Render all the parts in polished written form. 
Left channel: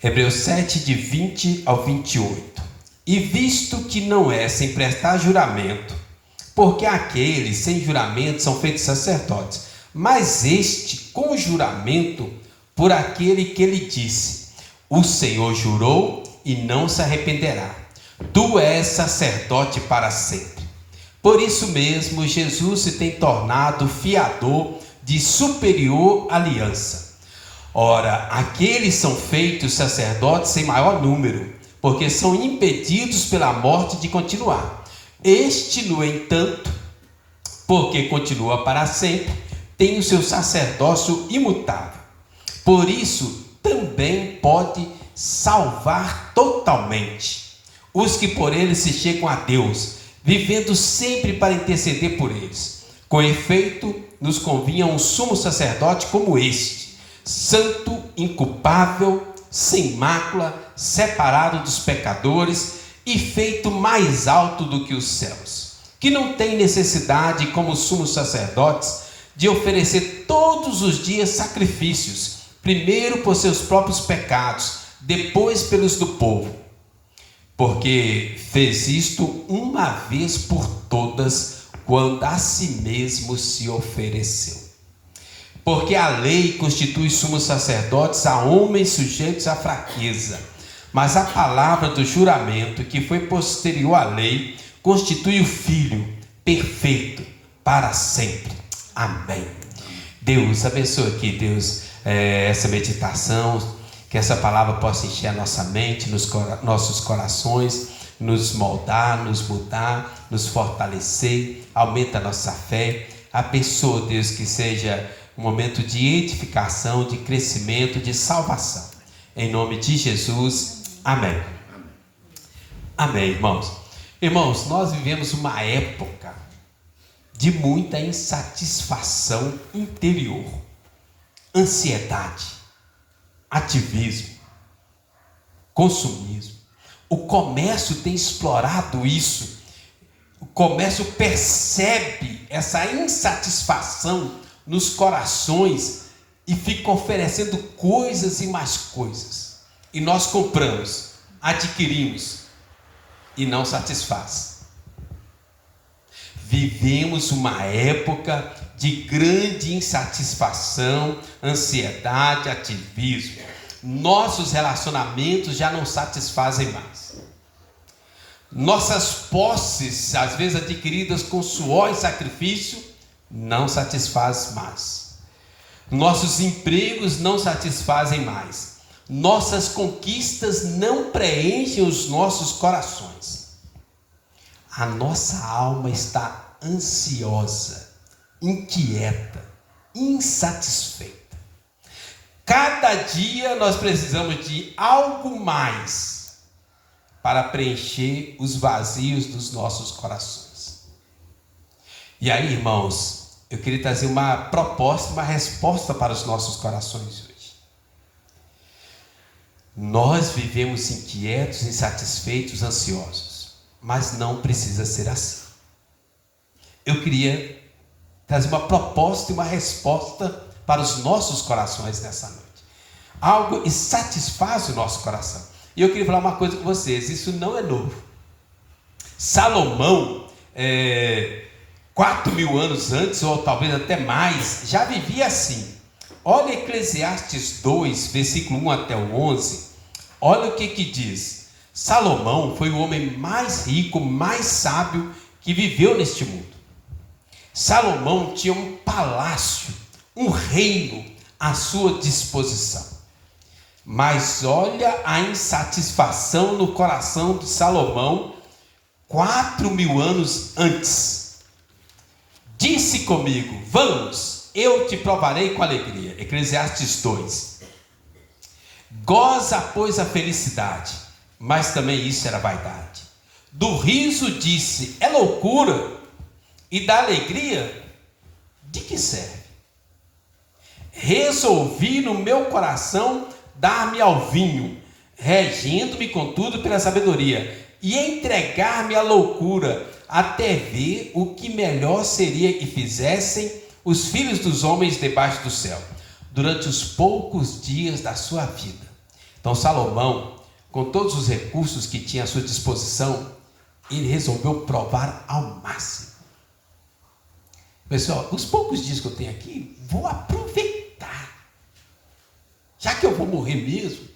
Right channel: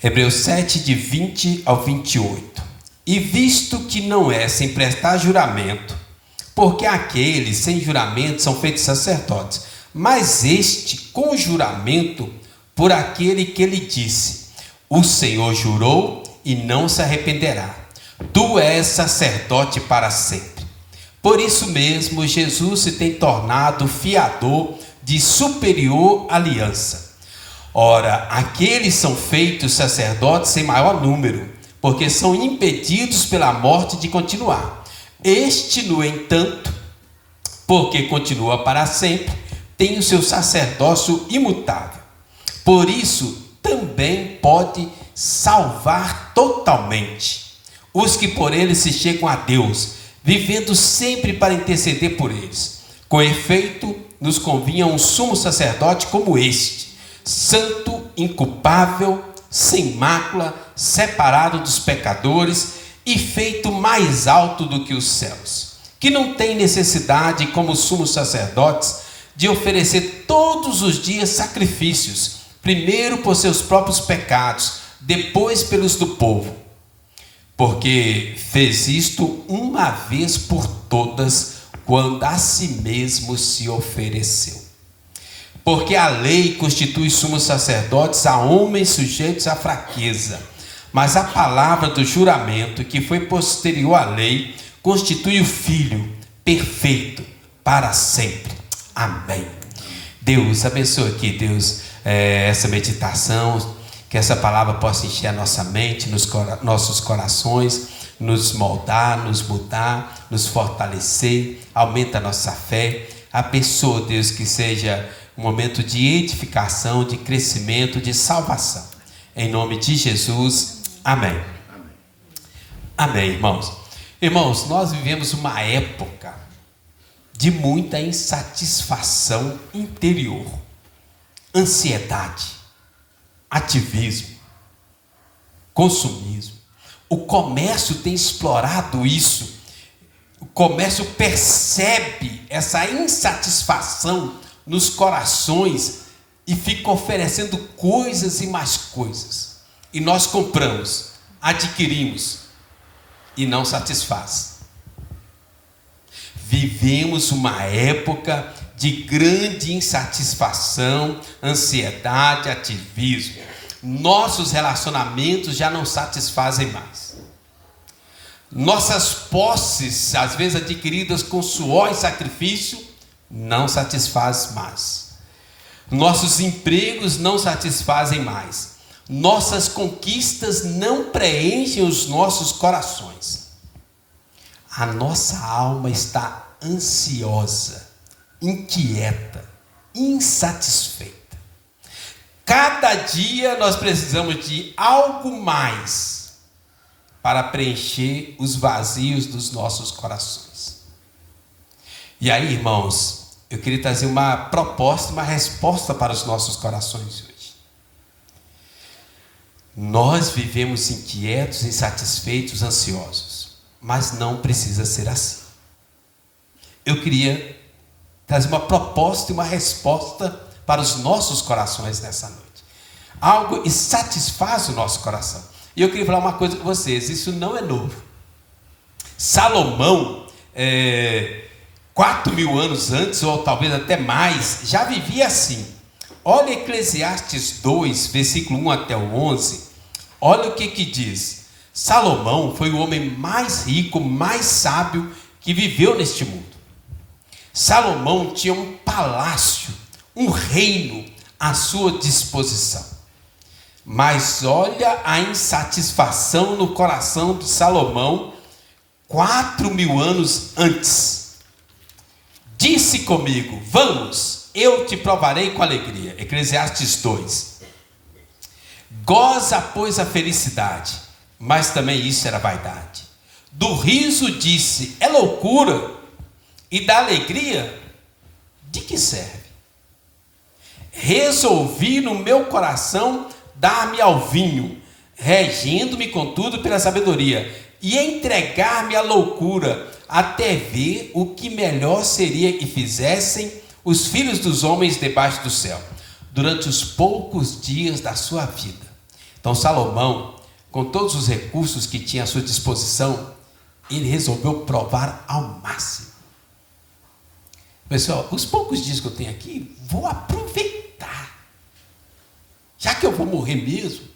Hebreus 7, de 20 ao 28. E visto que não é sem prestar juramento, porque aqueles sem juramento são feitos sacerdotes, mas este com juramento por aquele que lhe disse: o Senhor jurou e não se arrependerá, tu és sacerdote para sempre. Por isso mesmo Jesus se tem tornado fiador de superior aliança. Ora, aqueles são feitos sacerdotes sem maior número, porque são impedidos pela morte de continuar. Este, no entanto, porque continua para sempre, tem o seu sacerdócio imutável. Por isso, também pode salvar totalmente os que por ele se chegam a Deus, vivendo sempre para interceder por eles. Com efeito, nos convinha um sumo sacerdote como este, santo, inculpável, sem mácula, separado dos pecadores e feito mais alto do que os céus, que não tem necessidade, como sumos sacerdotes, de oferecer todos os dias sacrifícios, primeiro por seus próprios pecados, depois pelos do povo, porque fez isto uma vez por todas, quando a si mesmo se ofereceu. Porque a lei constitui sumos sacerdotes a homens sujeitos à fraqueza, mas a palavra do juramento, que foi posterior à lei, constitui o Filho perfeito para sempre. Amém. Deus abençoe aqui, Deus, essa meditação, que essa palavra possa encher a nossa mente, nossos corações, nos moldar, nos mudar, nos fortalecer, aumenta a nossa fé. Abençoa, Deus, que seja um momento de edificação, de crescimento, de salvação. Em nome de Jesus, amém. Amém, irmãos. Irmãos, nós vivemos uma época de muita insatisfação interior, ansiedade, ativismo, consumismo. O comércio tem explorado isso. O comércio percebe essa insatisfação nos corações e fica oferecendo coisas e mais coisas. E nós compramos, adquirimos e não satisfaz. Vivemos uma época de grande insatisfação, ansiedade, ativismo. Nossos relacionamentos já não satisfazem mais. Nossas posses, às vezes adquiridas com suor e sacrifício, não satisfaz mais. Nossos empregos não satisfazem mais. Nossas conquistas não preenchem os nossos corações. A nossa alma está ansiosa, inquieta, insatisfeita. Cada dia nós precisamos de algo mais para preencher os vazios dos nossos corações. E aí, irmãos, eu queria trazer uma proposta, uma resposta para os nossos corações hoje. Nós vivemos inquietos, insatisfeitos, ansiosos, mas não precisa ser assim. Eu queria trazer uma proposta e uma resposta para os nossos corações nessa noite. Algo que satisfaz o nosso coração. E eu queria falar uma coisa com vocês, isso não é novo. Salomão, 4.000 anos antes, ou talvez até mais, já vivia assim. Olha Eclesiastes 2, versículo 1 até o 11. Olha o que diz. Salomão foi o homem mais rico, mais sábio que viveu neste mundo. Salomão tinha um palácio, um reino à sua disposição. Mas olha a insatisfação no coração de Salomão 4.000 anos antes. Disse comigo: vamos, eu te provarei com alegria. Eclesiastes 2. Goza, pois, a felicidade, mas também isso era vaidade. Do riso disse: é loucura. E da alegria, de que serve? Resolvi no meu coração dar-me ao vinho, regendo-me contudo pela sabedoria, e entregar-me à loucura, até ver o que melhor seria que fizessem os filhos dos homens debaixo do céu. durante os poucos dias da sua vida. Então Salomão, com todos os recursos que tinha à sua disposição, ele resolveu provar ao máximo. Pessoal, os poucos dias que eu tenho aqui, vou aproveitar. Já que eu vou morrer mesmo,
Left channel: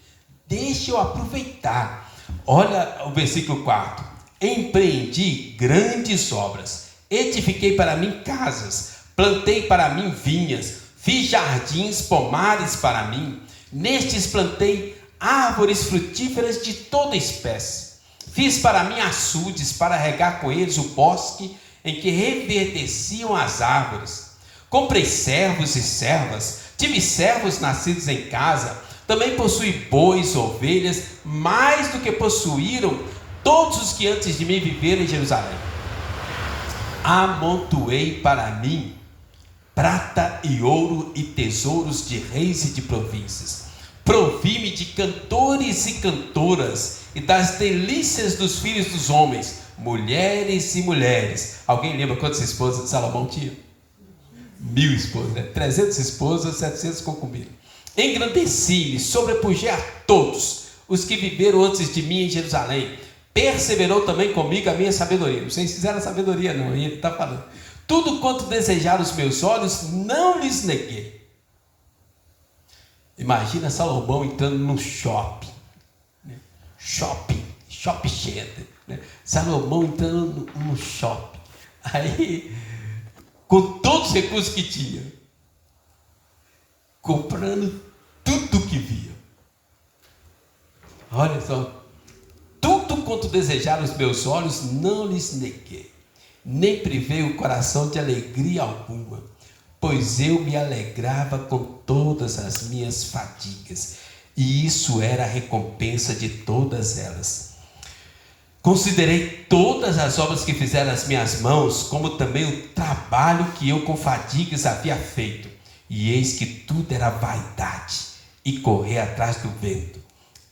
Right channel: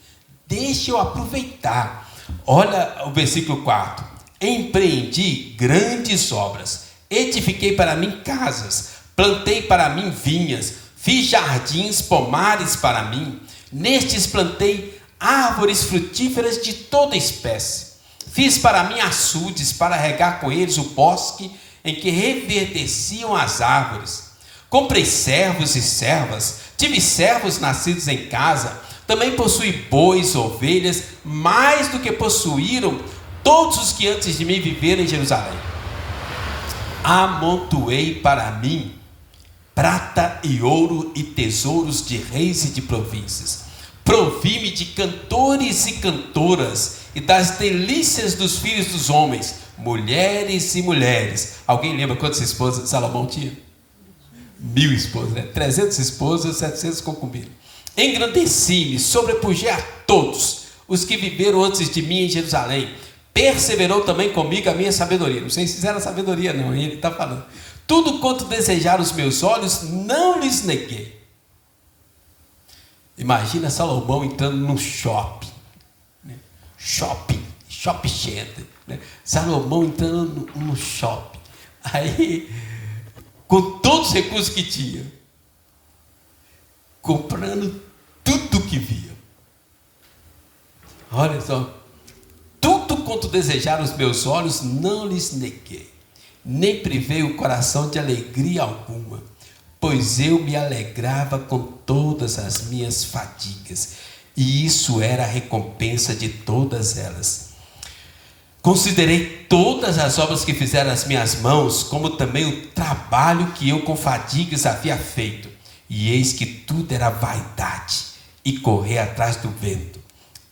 deixa eu aproveitar. Olha o versículo 4. Empreendi grandes obras, edifiquei para mim casas, plantei para mim vinhas, fiz jardins, pomares para mim. Nestes plantei árvores frutíferas de toda espécie. Fiz para mim açudes, para regar com eles o bosque em que reverdeciam as árvores. Comprei servos e servas, tive servos nascidos em casa, também possuí bois, ovelhas, mais do que possuíram todos os que antes de mim viveram em Jerusalém. Amontoei para mim prata e ouro e tesouros de reis e de províncias. Provi-me de cantores e cantoras e das delícias dos filhos dos homens, mulheres e mulheres. Alguém lembra quantas esposas Salomão tinha? 1000 esposas, né? 300 esposas, 700 concubinas. Engrandeci-me, sobrepujei a todos os que viveram antes de mim em Jerusalém. Perseverou também comigo a minha sabedoria. Não sei se fizeram sabedoria não, ele está falando. Tudo quanto desejaram os meus olhos, não lhes neguei. Imagina Salomão entrando no shopping, né? shopping center, né? Salomão entrando no shopping, aí com todos os recursos que tinha, comprando tudo que via. Olha só, tudo quanto desejaram os meus olhos, não lhes neguei, nem privei o coração de alegria alguma, pois eu me alegrava com todas as minhas fadigas, e isso era a recompensa de todas elas. Considerei todas as obras que fizeram as minhas mãos, como também o trabalho que eu com fadigas havia feito, e eis que tudo era vaidade e correr atrás do vento,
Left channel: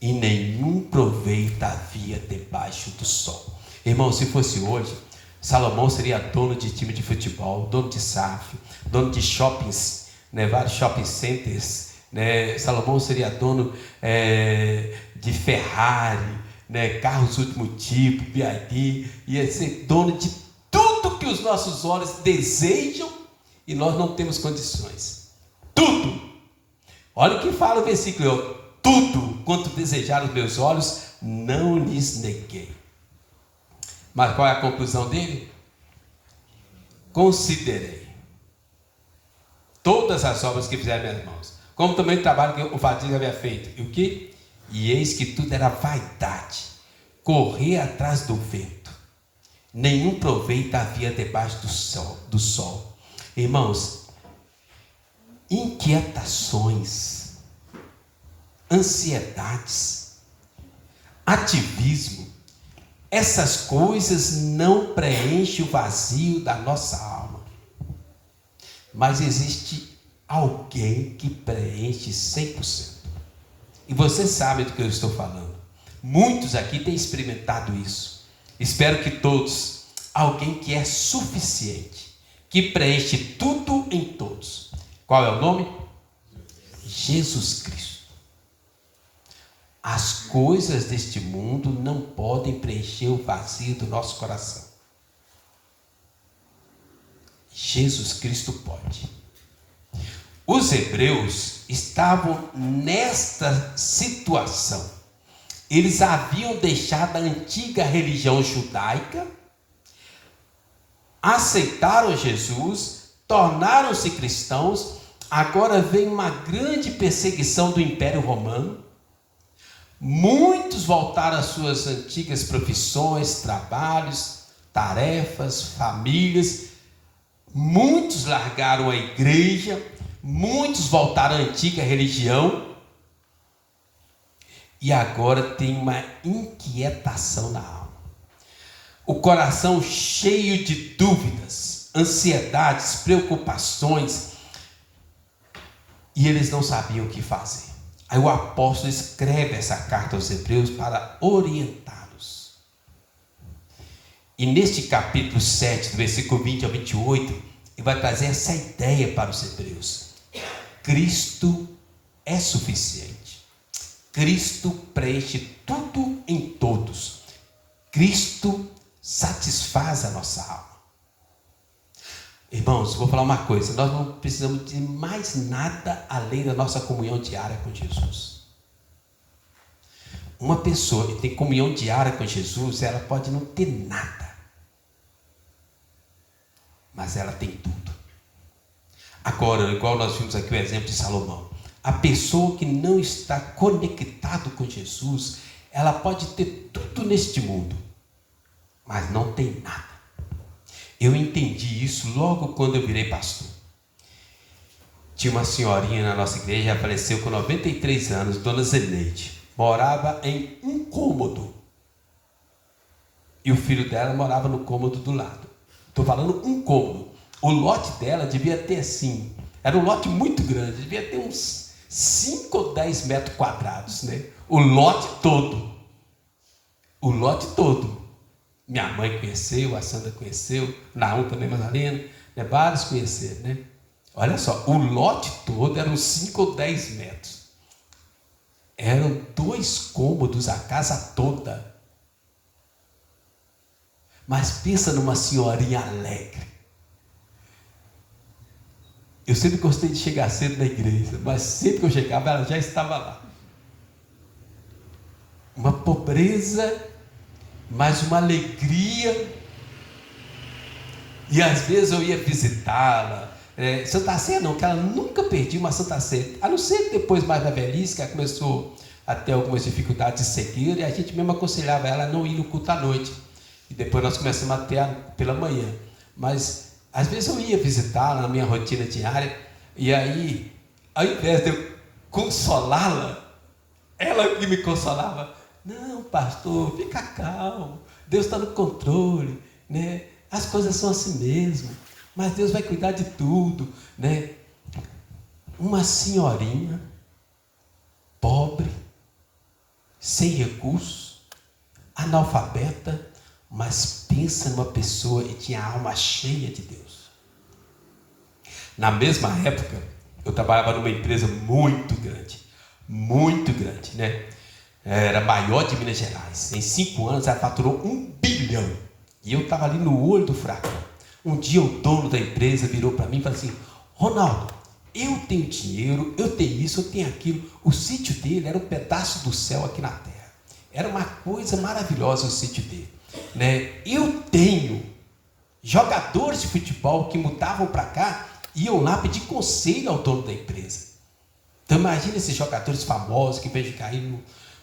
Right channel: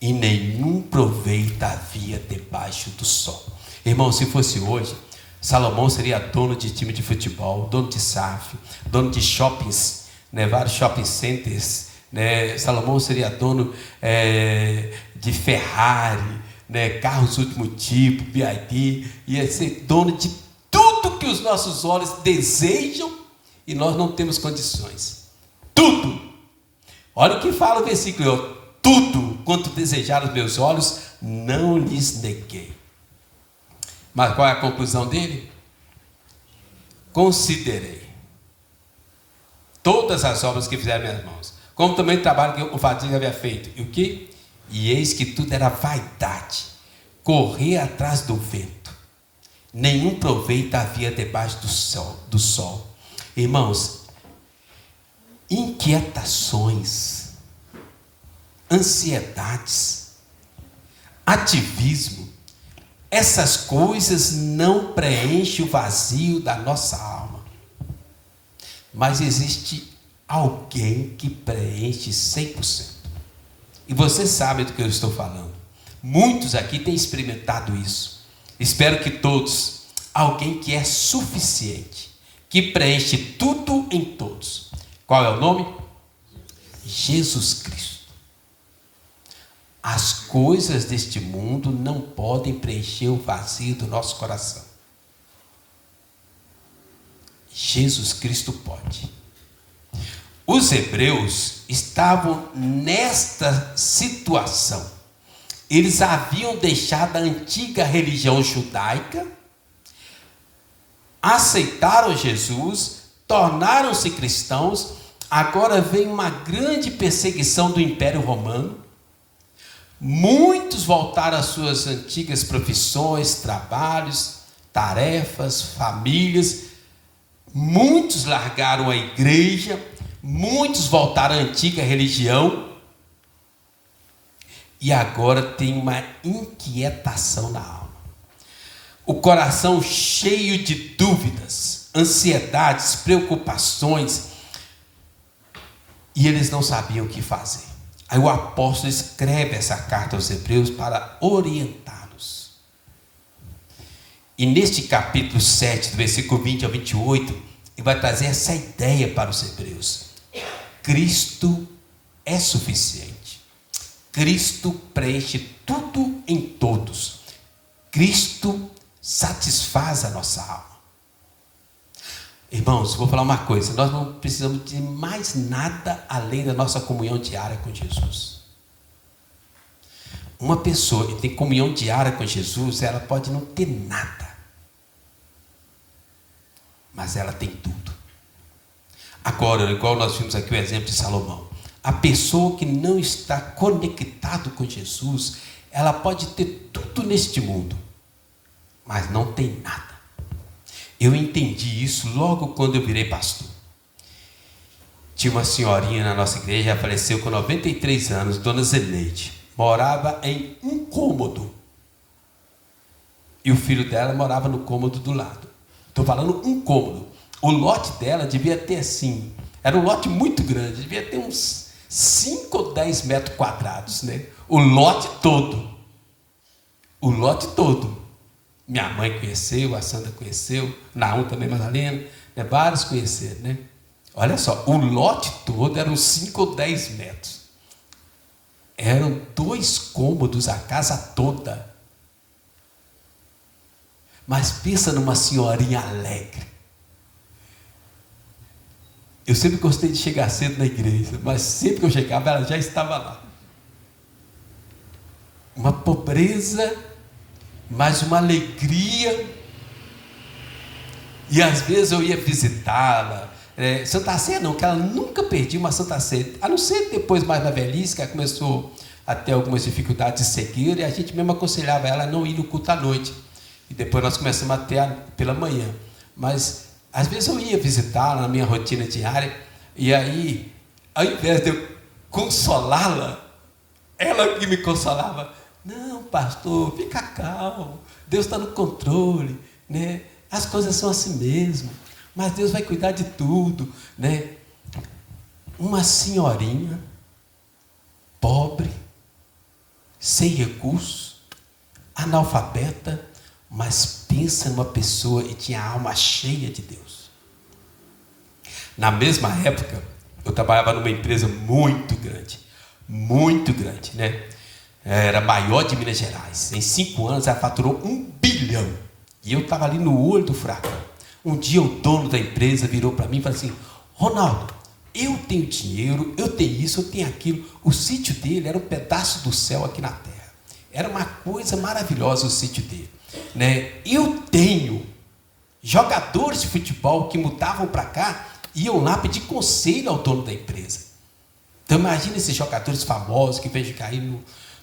e nenhum proveito havia debaixo do sol. Irmão, se fosse hoje, Salomão seria dono de time de futebol, dono de SAF, dono de shoppings, né, vários shopping centers, né? Salomão seria dono de Ferrari, né, carros último tipo, BYD, ia ser dono de tudo que os nossos olhos desejam e nós não temos condições. Tudo. Olha o que fala o versículo: tudo quanto desejaram os meus olhos, não lhes neguei. Mas qual é a conclusão dele? Considerei todas as obras que fizeram minhas mãos, como também o trabalho que eu com fadiga havia feito. E o que? E eis que tudo era vaidade, correr atrás do vento, nenhum proveito havia debaixo do sol. Irmãos, inquietações, ansiedades, ativismo, essas coisas não preenchem o vazio da nossa alma. Mas existe alguém que preenche 100%. E vocês sabem do que eu estou falando. Muitos aqui têm experimentado isso. Espero que todos. Alguém que é suficiente, que preenche tudo em todos. Qual é o nome? Jesus Cristo. As coisas deste mundo não podem preencher o vazio do nosso coração. Jesus Cristo pode. Os hebreus estavam nesta situação. Eles haviam deixado a antiga religião judaica, aceitaram Jesus, tornaram-se cristãos. Agora vem uma grande perseguição do Império Romano. Muitos voltaram às suas antigas profissões, trabalhos, tarefas, famílias. Muitos largaram a igreja, muitos voltaram à antiga religião. E agora tem uma inquietação na alma. O coração cheio de dúvidas, ansiedades, preocupações. E eles não sabiam o que fazer. Aí o apóstolo escreve essa carta aos hebreus para orientá-los. E neste capítulo 7, do versículo 20 ao 28, ele vai trazer essa ideia para os hebreus. Cristo é suficiente. Cristo preenche tudo em todos. Cristo satisfaz a nossa alma. Irmãos, vou falar uma coisa: nós não precisamos de mais nada além da nossa comunhão diária com Jesus. Uma pessoa que tem comunhão diária com Jesus, ela pode não ter nada, mas ela tem tudo. Agora, igual nós vimos aqui o exemplo de Salomão, a pessoa que não está conectada com Jesus, ela pode ter tudo neste mundo, mas não tem nada. Eu entendi isso logo quando eu virei pastor. Tinha uma senhorinha na nossa igreja, já faleceu com 93 anos, dona Zeneide. Morava em um cômodo. E o filho dela morava no cômodo do lado. Estou falando um cômodo. O lote dela devia ter assim, era um lote muito grande, devia ter uns 5 ou 10 metros quadrados, né? O lote todo. O lote todo. Minha mãe conheceu, a Sandra conheceu, Naum também, Madalena, né? Vários conheceram, né? Olha só, o lote todo eram 5 ou 10 metros. Eram 2 cômodos a casa toda. Mas pensa numa senhorinha alegre. Eu sempre gostei de chegar cedo na igreja, mas sempre que eu chegava, ela já estava lá. Uma pobreza, mas uma alegria. E às vezes eu ia visitá-la. Santa Ceia não, que ela nunca perdia uma Santa Ceia. A não ser depois, mais na velhice, que ela começou a ter algumas dificuldades de cegueira, e a gente mesmo aconselhava ela a não ir no culto à noite. E depois nós começamos a ter pela manhã. Mas às vezes eu ia visitá-la na minha rotina diária, e aí, ao invés de eu consolá-la, ela que me consolava. Não, pastor, fica calmo, Deus está no controle, né? As coisas são assim mesmo, mas Deus vai cuidar de tudo, né? Uma senhorinha, pobre, sem recursos, analfabeta, mas pensa numa pessoa que tinha a alma cheia de Deus. Na mesma época, eu trabalhava numa empresa muito grande, né? Era a maior de Minas Gerais. Em 5 anos ela faturou 1 bilhão. E eu estava ali no olho do furacão. Um dia o dono da empresa virou para mim e falou assim: Ronaldo, eu tenho dinheiro, eu tenho isso, eu tenho aquilo. O sítio dele era um pedaço do céu aqui na terra. Era uma coisa maravilhosa o sítio dele, né? Eu tenho jogadores de futebol que mudavam para cá, iam lá pedir conselho ao dono da empresa. Então imagina esses jogadores famosos que vêm cair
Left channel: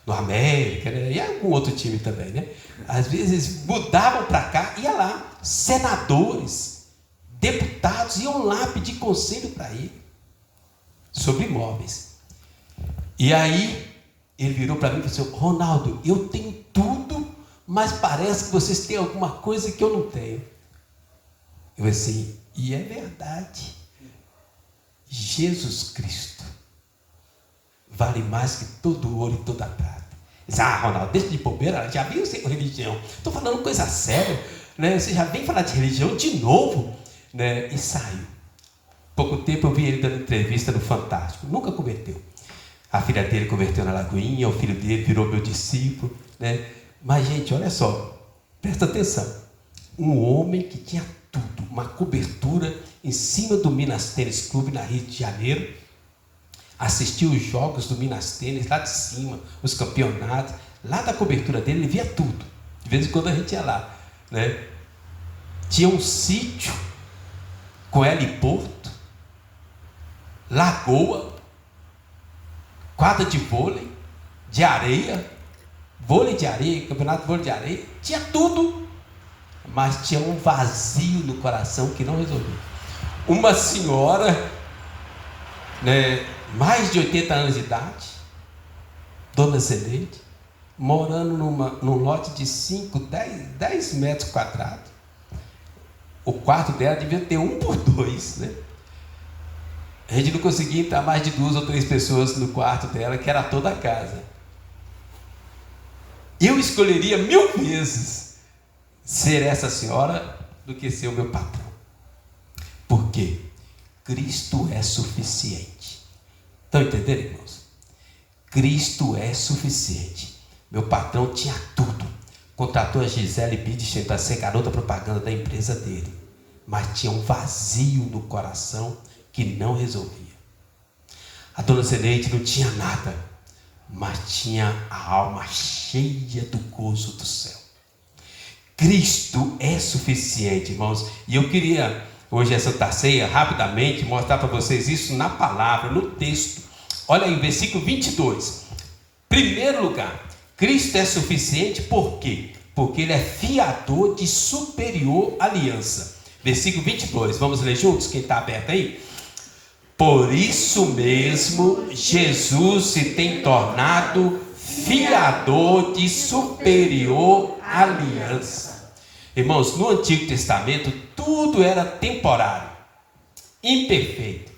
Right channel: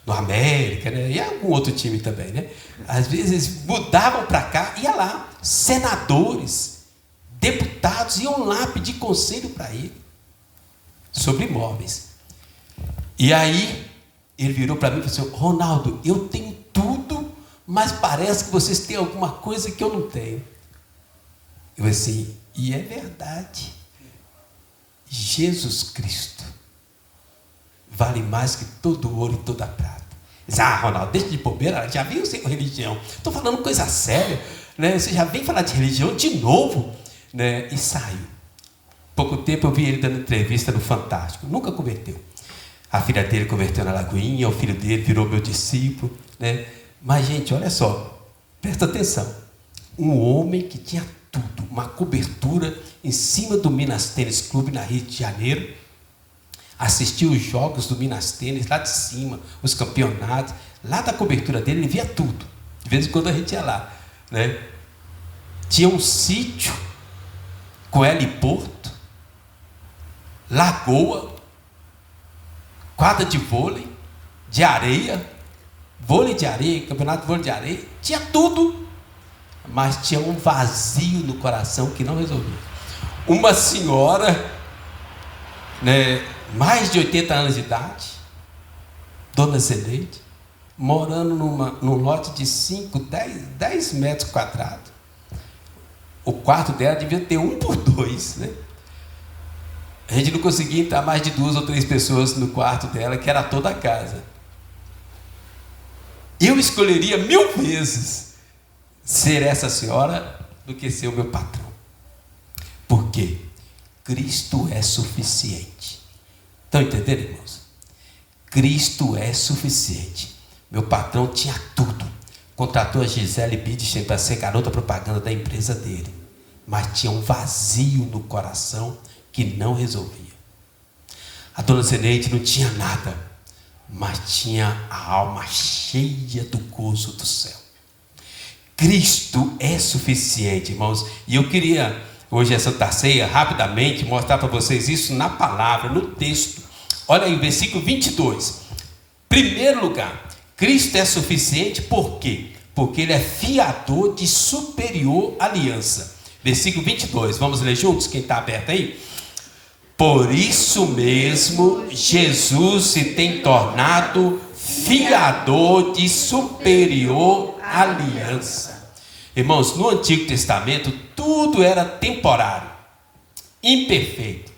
no América, né? E algum outro time também, né? Às vezes mudavam para cá, ia lá, senadores, deputados iam lá pedir conselho para ele sobre imóveis. E aí ele virou para mim e falou assim: Ronaldo, eu tenho tudo, mas parece que vocês têm alguma coisa que eu não tenho. Eu assim, e é verdade. Jesus Cristo vale mais que todo o ouro e toda a prata. Diz: Ronaldo, deixa de bobeira, já veio sem religião. Estou falando coisa séria, né? Você já vem falar de religião de novo, né? E saiu. Pouco tempo eu vi ele dando entrevista no Fantástico. Nunca converteu. A filha dele converteu na Lagoinha, o filho dele virou meu discípulo, né? Mas, gente, olha só, presta atenção. Um homem que tinha tudo, uma cobertura em cima do Minas Tênis Clube na Rio de Janeiro, assistia os jogos do Minas Tênis lá de cima, os campeonatos, lá da cobertura dele ele via tudo. De vez em quando a gente ia lá, né? Tinha um sítio com heliporto, lagoa, quadra de vôlei, de areia, vôlei de areia, campeonato de vôlei de areia, tinha tudo, mas tinha um vazio no coração que não resolvia. Uma senhora, né, mais de 80 anos de idade, dona Zeneide, morando num lote de 10 metros quadrados. O quarto dela devia ter 1x2, né? A gente não conseguia entrar mais de 2 ou 3 pessoas no quarto dela, que era toda a casa. Eu escolheria 1000 vezes ser essa senhora do que ser o meu patrão. Por quê? Cristo é suficiente. Estão entendendo, irmãos? Cristo é suficiente. Meu patrão tinha tudo. Contratou a Gisele Bündchen para ser garota propaganda da empresa dele. Mas tinha um vazio no coração que não resolvia. A dona Zeneide não tinha nada, mas tinha a alma cheia do gozo do céu. Cristo é suficiente, irmãos. E eu queria, hoje é Santa Ceia, rapidamente mostrar para vocês isso na palavra, no texto. Olha aí, versículo 22. Primeiro lugar, Cristo é suficiente por quê? Porque Ele é fiador de superior aliança. Versículo 22, vamos ler juntos, quem está aberto aí? Por isso mesmo, Jesus se tem tornado fiador de superior aliança. Irmãos, no Antigo Testamento, tudo era temporário, imperfeito,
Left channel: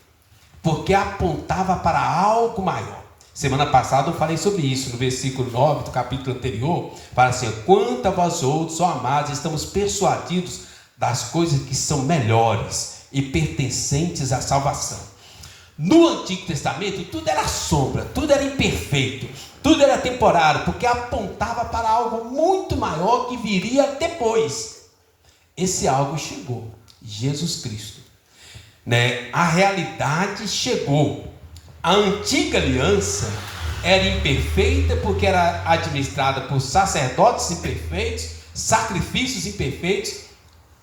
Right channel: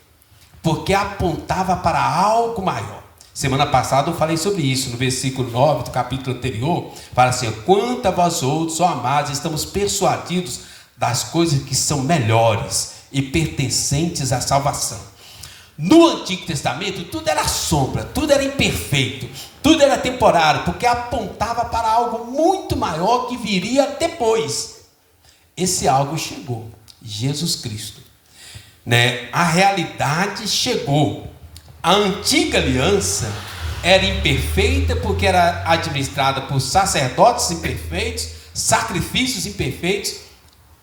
porque apontava para algo maior. Semana passada eu falei sobre isso, no versículo 9 do capítulo anterior, fala assim: quanto a vós outros, ó amados, estamos persuadidos das coisas que são melhores e pertencentes à salvação. No Antigo Testamento, tudo era sombra, tudo era imperfeito, tudo era temporário, porque apontava para algo muito maior que viria depois. Esse algo chegou, Jesus Cristo, né? A realidade chegou. A antiga aliança era imperfeita porque era administrada por sacerdotes imperfeitos, sacrifícios imperfeitos.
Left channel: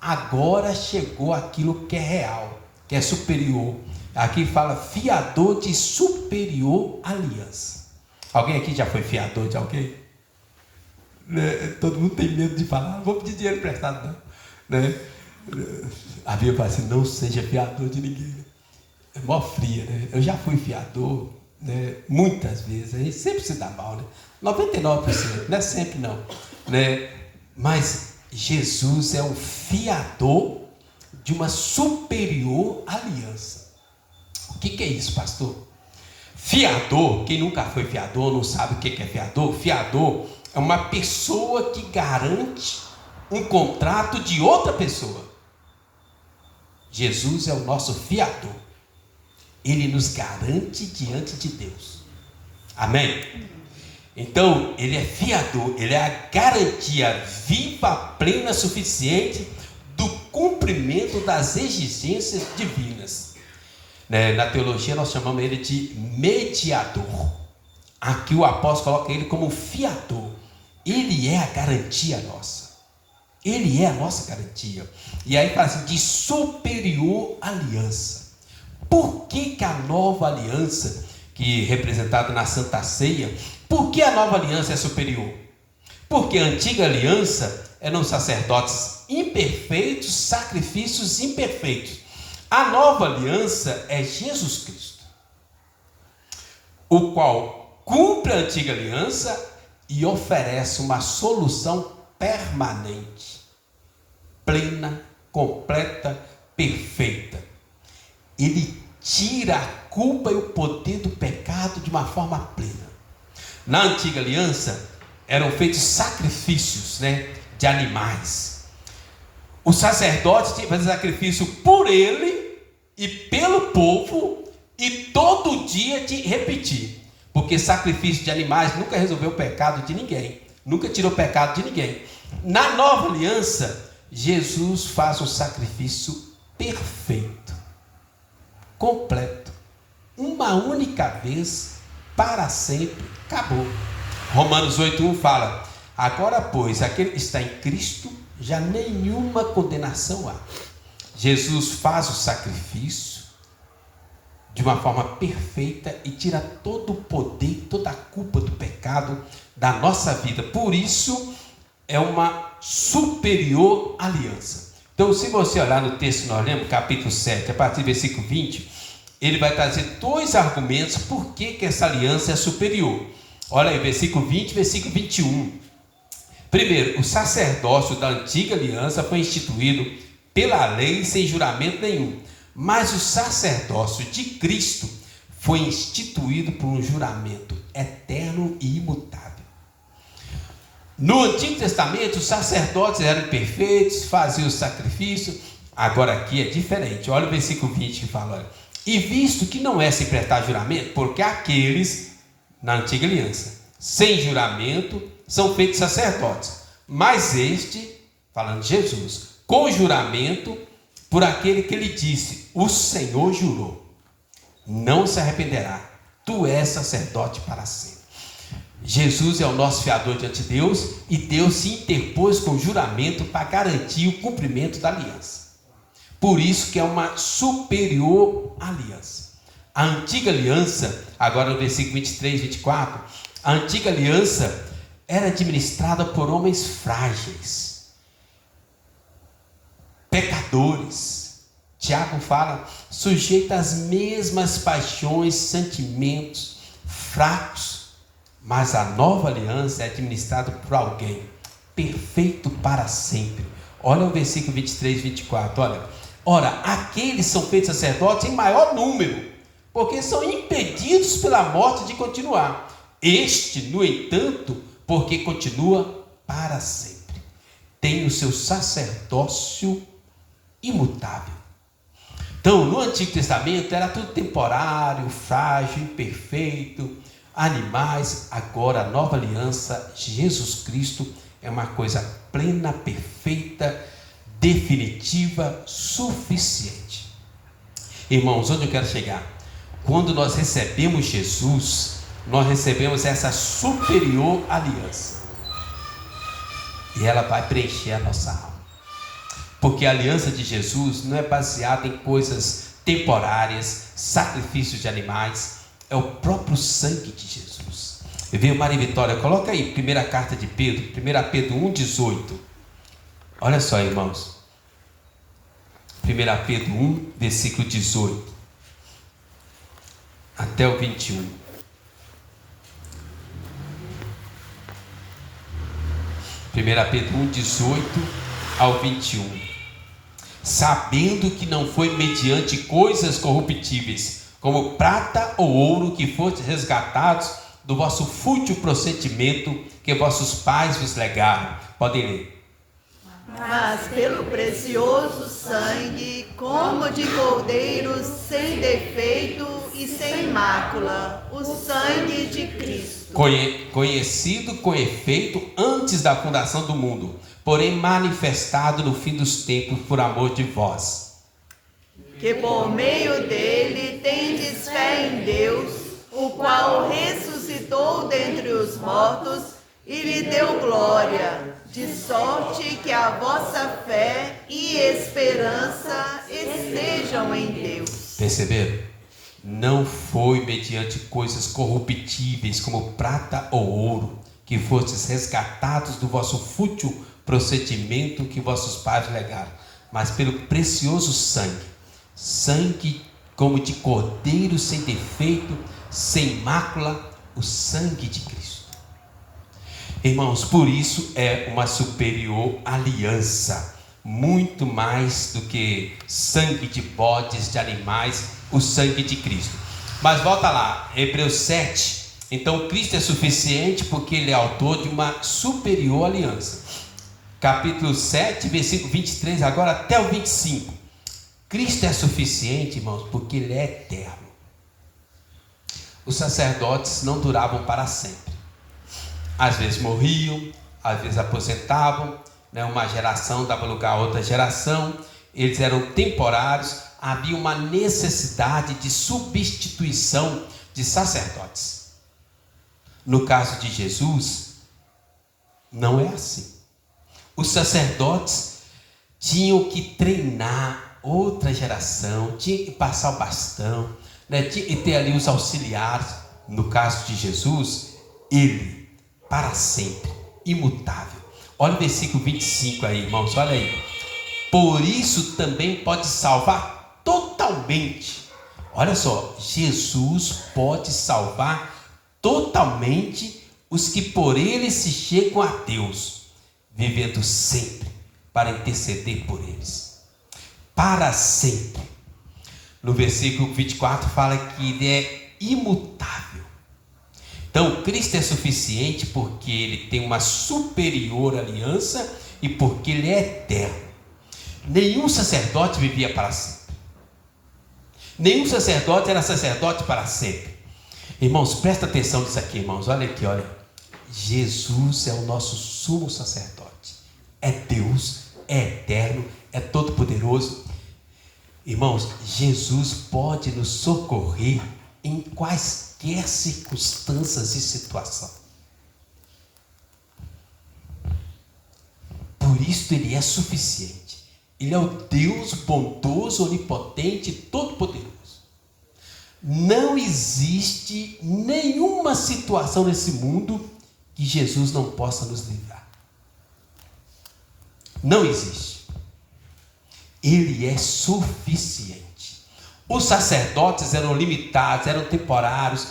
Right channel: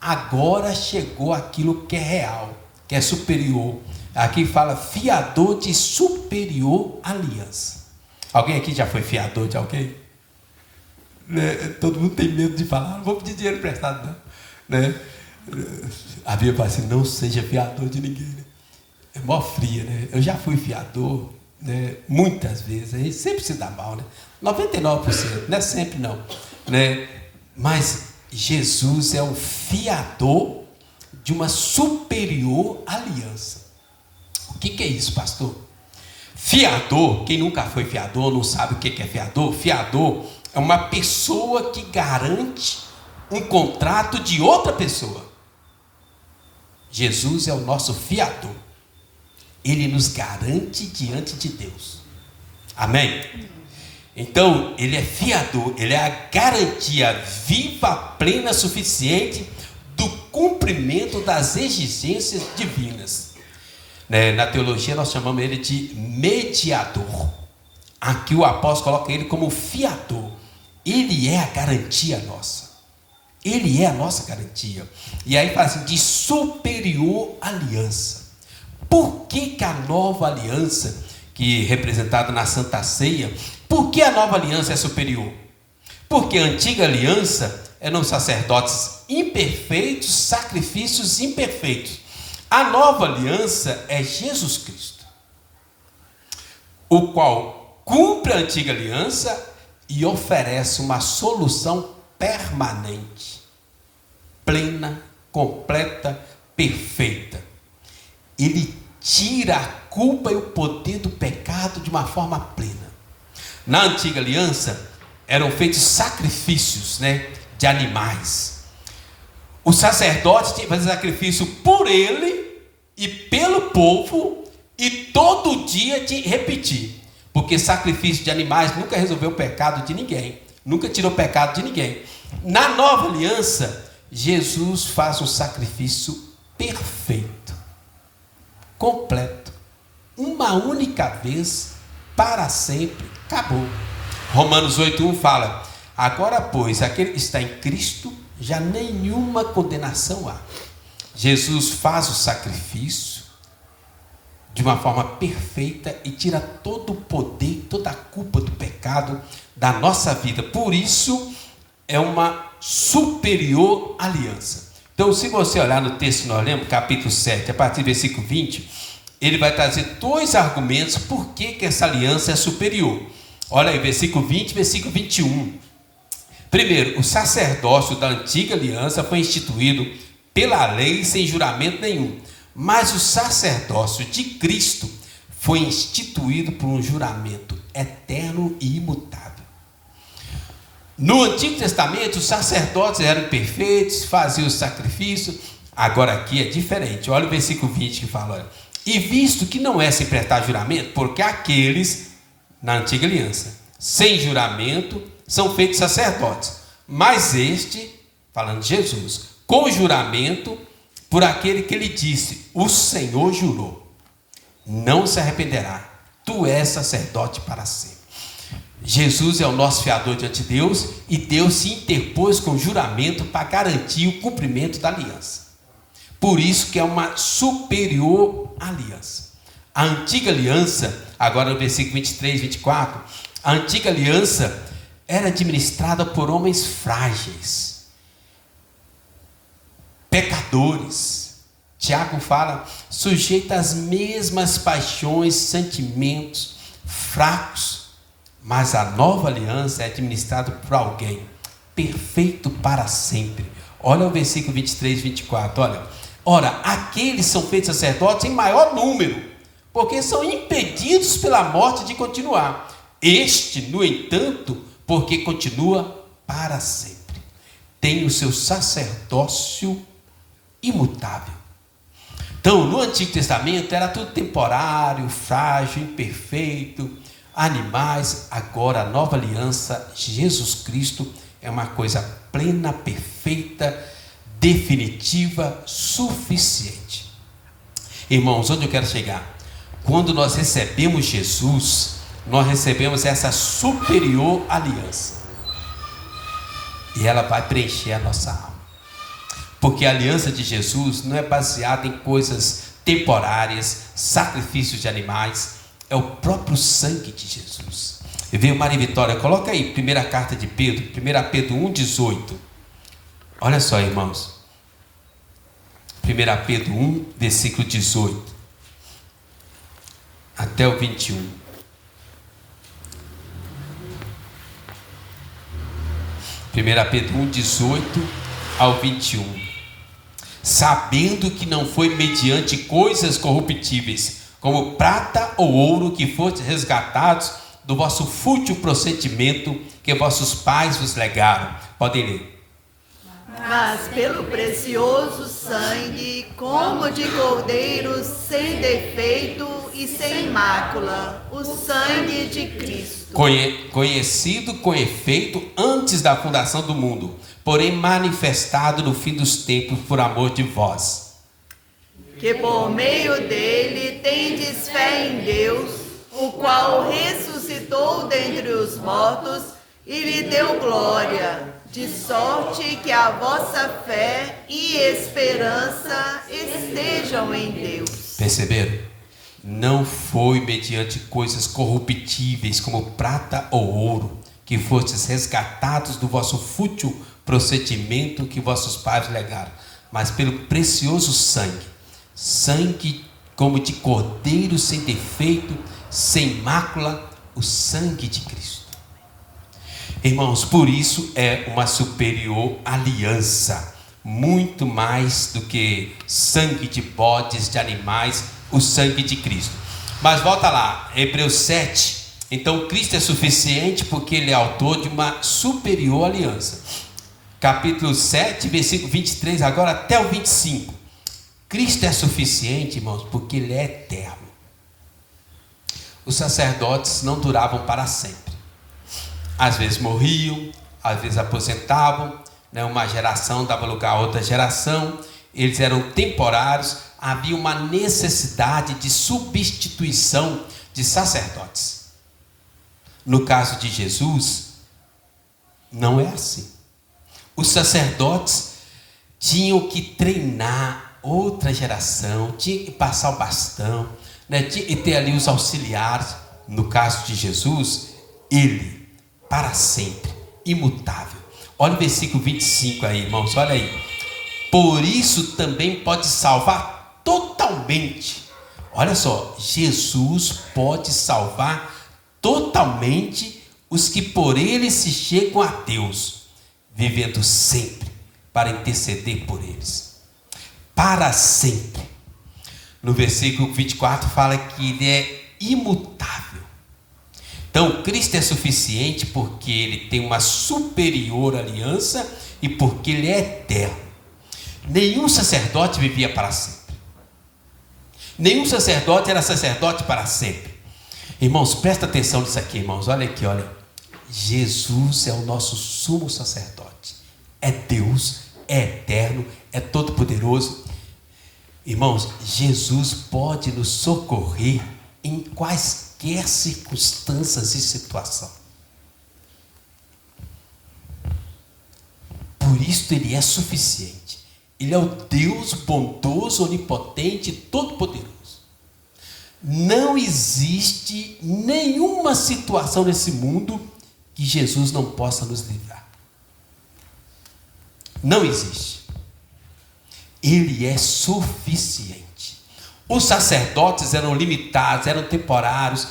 Agora chegou aquilo que é real, que é superior. Aqui fala fiador de superior aliança. Alguém aqui já foi fiador de alguém? Né? Todo mundo tem medo de falar, não vou pedir dinheiro emprestado não, né? A Bíblia fala assim: não seja fiador de ninguém, né? É mó fria, né? Eu já fui fiador, né? Muitas vezes, a gente sempre se dá mal, né? 99%, não é sempre não, né? Mas Jesus é o fiador de uma superior aliança. O que é isso, pastor? Fiador, quem nunca foi fiador não sabe o que é fiador. Fiador é uma pessoa que garante um contrato de outra pessoa. Jesus é o nosso fiador. Ele nos garante diante de Deus. Amém? Então, ele é fiador, ele é a garantia viva, plena, suficiente do cumprimento das exigências divinas. Na teologia nós chamamos ele de mediador. Aqui o apóstolo coloca ele como fiador. Ele é a garantia nossa. Ele é a nossa garantia. E aí fala assim, de superior aliança. Por que a nova aliança, que é representada na Santa Ceia, por que a nova aliança é superior? Porque a antiga aliança eram sacerdotes imperfeitos, sacrifícios imperfeitos. A nova aliança é Jesus Cristo, o qual cumpre a antiga aliança e oferece uma solução permanente, plena, completa, perfeita. Ele tira a culpa e o poder do pecado de uma forma plena. Na antiga aliança eram feitos sacrifícios, de animais. O sacerdote tinha que fazer sacrifício por ele e pelo povo, e todo dia de repetir, porque sacrifício de animais nunca resolveu o pecado de ninguém, nunca tirou o pecado de ninguém. Na nova aliança, Jesus faz o sacrifício perfeito, completo, uma única vez, para sempre, acabou. Romanos 8:1 fala: agora pois, aquele que está em Cristo, já nenhuma condenação há. Jesus faz o sacrifício de uma forma perfeita e tira todo o poder, toda a culpa do pecado da nossa vida. Por isso é uma superior aliança. Então, se você olhar no texto que nós lemos, capítulo 7, a partir do versículo 20, ele vai trazer dois argumentos por que essa aliança é superior. Olha aí, versículo 20 e versículo 21. Primeiro, o sacerdócio da antiga aliança foi instituído pela lei sem juramento nenhum, mas o sacerdócio de Cristo foi instituído por um juramento eterno e imutável. No Antigo Testamento, os sacerdotes eram perfeitos, faziam o sacrifício. Agora aqui é diferente. Olha o versículo 20 que fala: olha, E visto que não é sem prestar juramento, porque aqueles na antiga aliança, sem juramento, são feitos sacerdotes. Mas este, falando de Jesus, com juramento, por aquele que lhe disse: o Senhor jurou, não se arrependerá, tu és sacerdote para sempre. Jesus é o nosso fiador diante de Deus, e Deus se interpôs com juramento para garantir o cumprimento da aliança. Por isso que é uma superior aliança. A antiga aliança, agora no versículo 23, 24, a antiga aliança era administrada por homens frágeis, pecadores. Tiago fala, sujeito às mesmas paixões, sentimentos, fracos. Mas a nova aliança é administrada por alguém perfeito para sempre. Olha o versículo 23 e 24, olha. Ora, aqueles são feitos sacerdotes em maior número, porque são impedidos pela morte de continuar. Este, no entanto, porque continua para sempre, tem o seu sacerdócio imutável. Então, no Antigo Testamento era tudo temporário, frágil, imperfeito, animais. Agora a nova aliança, Jesus Cristo, é uma coisa plena, perfeita, definitiva, suficiente. Irmãos, onde eu quero chegar? Quando nós recebemos Jesus, nós recebemos essa superior aliança, e ela vai preencher a nossa alma, porque a aliança de Jesus não é baseada em coisas temporárias, sacrifícios de animais, é o próprio sangue de Jesus. E veio Maria Vitória, coloca aí, primeira carta de Pedro, 1 Pedro 1,18. Olha só, irmãos, 1 Pedro 1, versículo 18 até o 21. 1 Pedro 1, 18 ao 21. Sabendo que não foi mediante coisas corruptíveis, como prata ou ouro, que fostes resgatados do vosso fútil procedimento que vossos pais vos legaram. Podem ler. Mas pelo precioso sangue, como de cordeiro sem defeito e sem mácula, o sangue de Cristo. Conhecido com efeito antes da fundação do mundo, porém manifestado no fim dos tempos por amor de vós. Que por meio dele tendes fé em Deus, o qual ressuscitou dentre os mortos e lhe deu glória, de sorte que a vossa fé e esperança estejam em Deus. Perceberam? Não foi mediante coisas corruptíveis como prata ou ouro, que fostes resgatados do vosso fútil procedimento que vossos pais legaram, mas pelo precioso sangue como de cordeiro sem defeito, sem mácula, o sangue de Cristo. Irmãos, por isso é uma superior aliança, muito mais do que sangue de bodes, de animais, o sangue de Cristo. Mas volta lá, Hebreus 7, então Cristo é suficiente porque Ele é autor de uma superior aliança. Capítulo 7, versículo 23, agora até o 25. Cristo é suficiente, irmãos, porque Ele é eterno. Os sacerdotes não duravam para sempre. Às vezes morriam, às vezes aposentavam, né? Uma geração dava lugar a outra geração, eles eram temporários, havia uma necessidade de substituição de sacerdotes. No caso de Jesus, não é assim. Os sacerdotes tinham que treinar outra geração, tinha que passar o bastão, né? Tinha que ter ali os auxiliares. No caso de Jesus, Ele, para sempre, imutável. Olha o versículo 25 aí, irmãos, olha aí. Por isso também pode salvar totalmente. Olha só, Jesus pode salvar totalmente os que por Ele se chegam a Deus, vivendo sempre para interceder por eles. Para sempre. No versículo 24 fala que Ele é imutável. Então, Cristo é suficiente porque Ele tem uma superior aliança e porque Ele é eterno. Nenhum sacerdote vivia para sempre. Nenhum sacerdote era sacerdote para sempre. Irmãos, presta atenção nisso aqui, irmãos. Olha aqui, olha. Jesus é o nosso sumo sacerdote. É Deus, é eterno, é todo-poderoso. Irmãos, Jesus pode nos socorrer em quaisquer circunstâncias e situação. Por isso ele é suficiente. Ele é o Deus bondoso, onipotente, todo-poderoso. Não existe nenhuma situação nesse mundo que Jesus não possa nos livrar. Não existe. Ele é suficiente. Os sacerdotes eram limitados, eram temporários,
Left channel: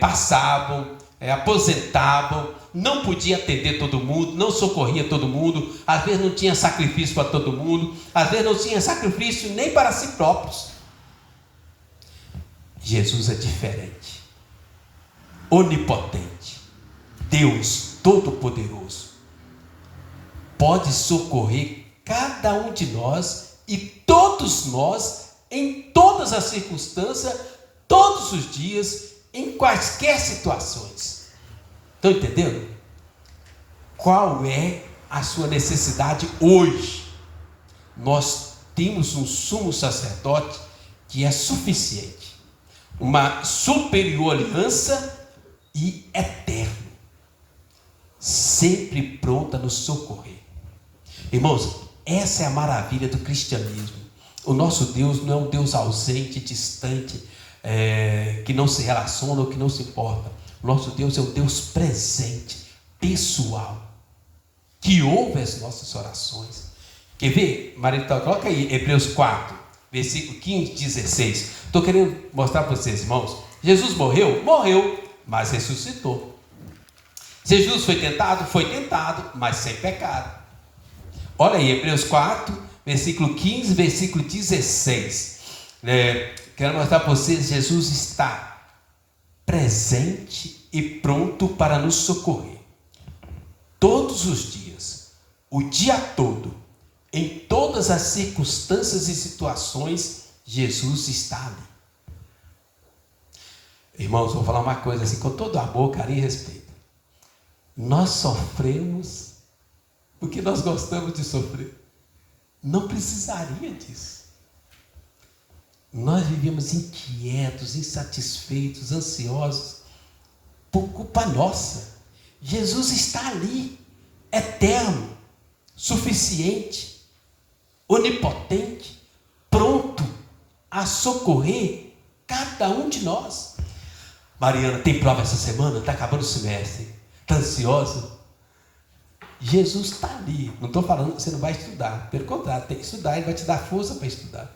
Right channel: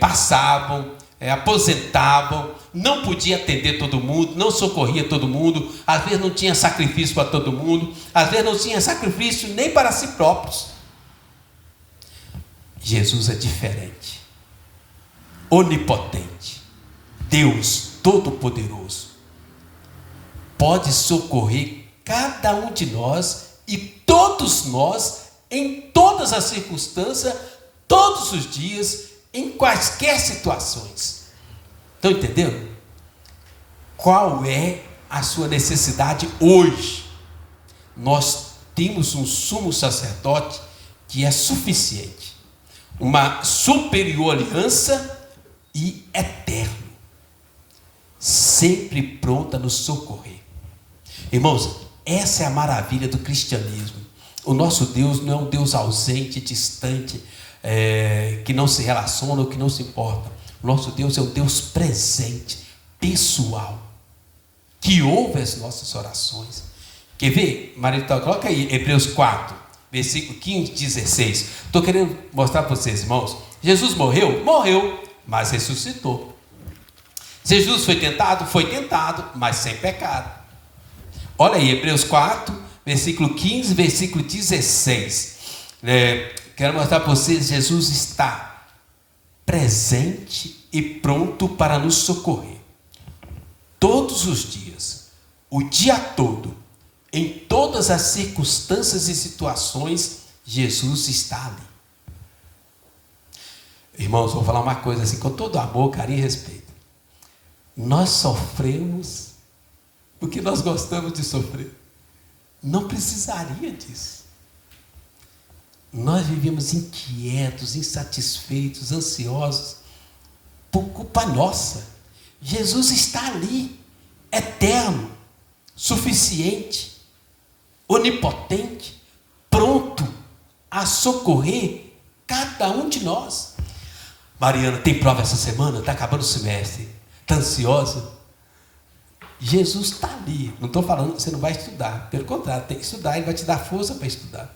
passavam, aposentavam, não podia atender todo mundo, não socorria todo mundo, às vezes não tinha sacrifício para todo mundo, às vezes não tinha sacrifício nem para si próprios. Jesus é diferente, onipotente, Deus todo-poderoso, pode socorrer cada um de nós e todos nós, em todas as circunstâncias, todos os dias, em quaisquer situações. Estão entendendo? Qual é a sua necessidade hoje? Nós temos um sumo sacerdote que é suficiente, uma superior aliança e eterno, sempre pronto a nos socorrer. Irmãos, essa é a maravilha do cristianismo. O nosso Deus não é um Deus ausente, distante, que não se relaciona ou que não se importa. O nosso Deus é um Deus presente, pessoal, que ouve as nossas orações. Quer ver? Maria, coloca aí Hebreus 4, versículo 15, 16. Estou querendo mostrar para vocês, irmãos. Jesus morreu? Morreu, mas ressuscitou. Jesus foi tentado, mas sem pecado. Olha aí, Hebreus 4, versículo 15, versículo 16. Quero mostrar para vocês, Jesus está presente e pronto para nos socorrer. Todos os dias, o dia todo, em todas as circunstâncias e situações, Jesus está ali. Irmãos, vou falar uma coisa assim, com todo amor, carinho e respeito. Nós sofremos porque nós gostamos de sofrer. Não precisaria disso. Nós vivemos inquietos, insatisfeitos, ansiosos, por culpa nossa. Jesus está ali, eterno, suficiente, onipotente, pronto a socorrer cada um de nós. Mariana, tem prova essa semana? Está acabando o semestre. Está ansiosa? Jesus está ali. Não estou falando que você não vai estudar. Pelo contrário, tem que estudar. Ele vai te dar força para estudar.